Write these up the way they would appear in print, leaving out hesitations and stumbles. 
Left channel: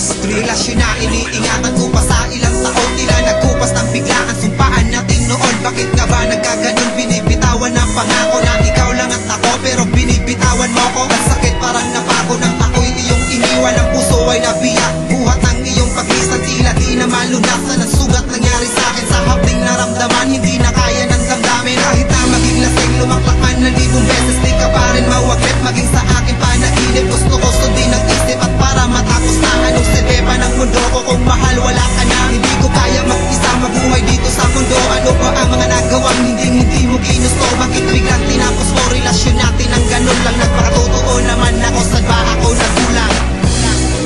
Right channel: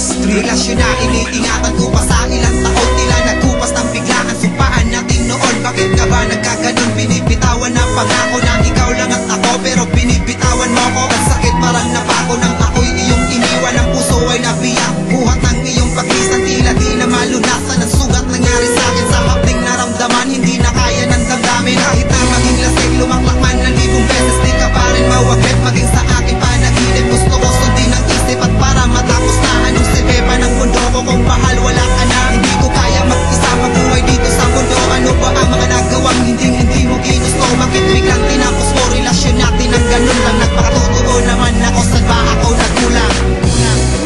history. Relasyon na iniingatan ko pa sa ilang taon, tila nagkupas ng biglaan. Sumpaan natin noon, bakit nga ba nagkaganon? Binibitawan na pangako na ikaw lang at ako, pero binibitawan mo ko. Ang sakit parang napako nang ako'y iyong iniwan. Ang puso ay nabiyak, buhat ng iyong paglisan, tila di na malunasan. Ang sugat nangyari sa akin sa hapding naramdaman, hindi na kaya ng damdamin. Kahit na maging lasing, lumaklak man ng libong beses, di ka pa rin mawaglit. Maging sa akin panaginip, gusto ko sundin ang isip. At para matapos na, anong silbi pa ng mundo ko kung mahal wala ka na? Hindi ko kaya mag-isa mabuhay dito sa mundo. Ano ba ang mga nagawang hindi mo ginusto? Bakit biglang tinapos mo relasyon natin ang ganun lang? Nagpakatotoo naman ako, saan ba ako nagkulang?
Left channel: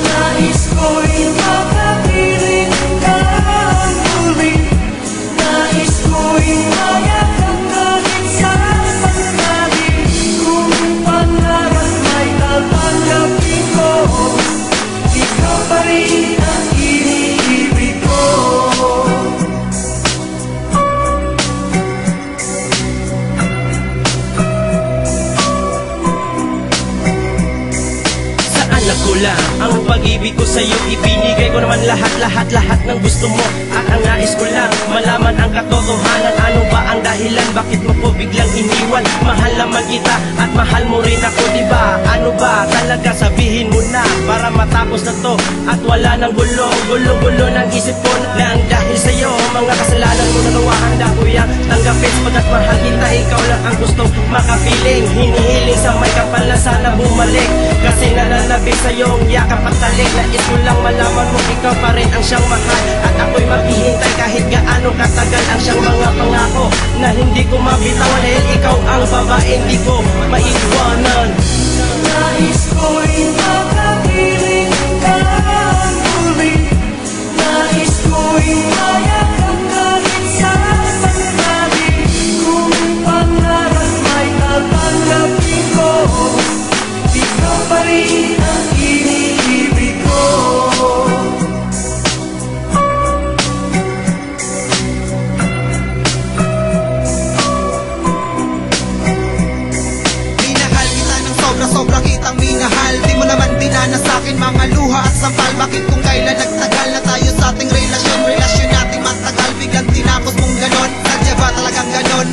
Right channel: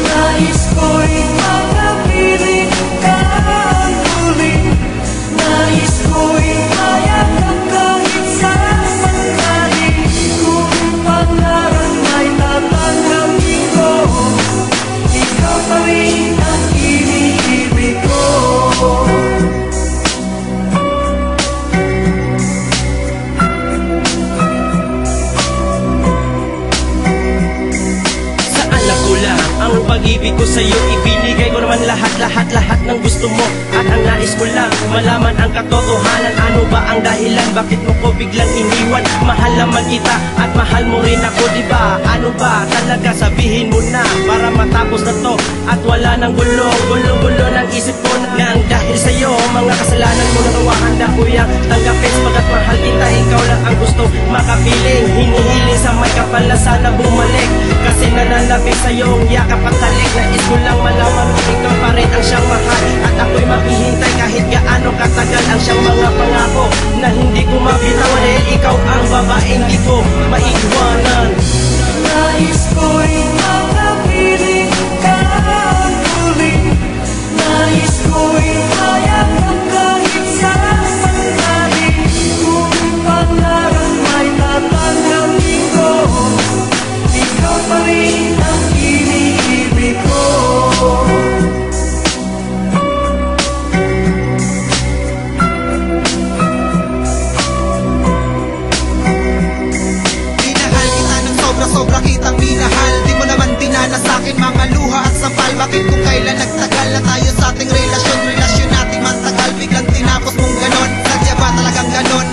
Nais ko'y makapiling ka ang huli. Nais ko'y mayagang kahit saan mangyari. Kung pangarap may tatanggapin ko, ikaw pa rin ang iniibig ko. Kulang ang pag-ibig ko sa'yo, ibinigay ko naman lahat ng gusto mo. At ang nais ko lang malaman ang katotohanan. Ano ba ang dahilan, bakit mo ko biglang iniwan? Mahal naman kita at mahal mo rin ako, diba? Ano ba talaga, sabihin mo na para matapos na to at wala nang gulo ng isip ko na ang dahil sa'yo mga kasalanan mo nagawa. Handa ko yang tanggapin pagkat mahal kita, ikaw lang ang gustong makapiling. Hinihiling sa may kapal na sana bumalik, kasi nananabik sa'yong yakap at talik. Nais ko lang malaman mo ikaw pa rin ang siyang mahal, at ako'y maghihintay kahit gaano katagal. Ang siyang mga pangako na hindi ko mabitawan, dahil ikaw ang babaeng di ko maiiwanan. Nais ko'y makapiling ka ang huli. Nais ko'y mayagang kahit saan mangyari. Kung pangarap may tatanggapin ko, ikaw pa rin ang iniibig ko. Minahal kita ng sobra kitang minahal. Di mo naman dinanas sa'kin mga luha at sampal. Bakit kung kailan nagtagal na tayo sa ating relasyon natin matagal, biglang tinapos mong ganon? Sadya ba talagang ganon?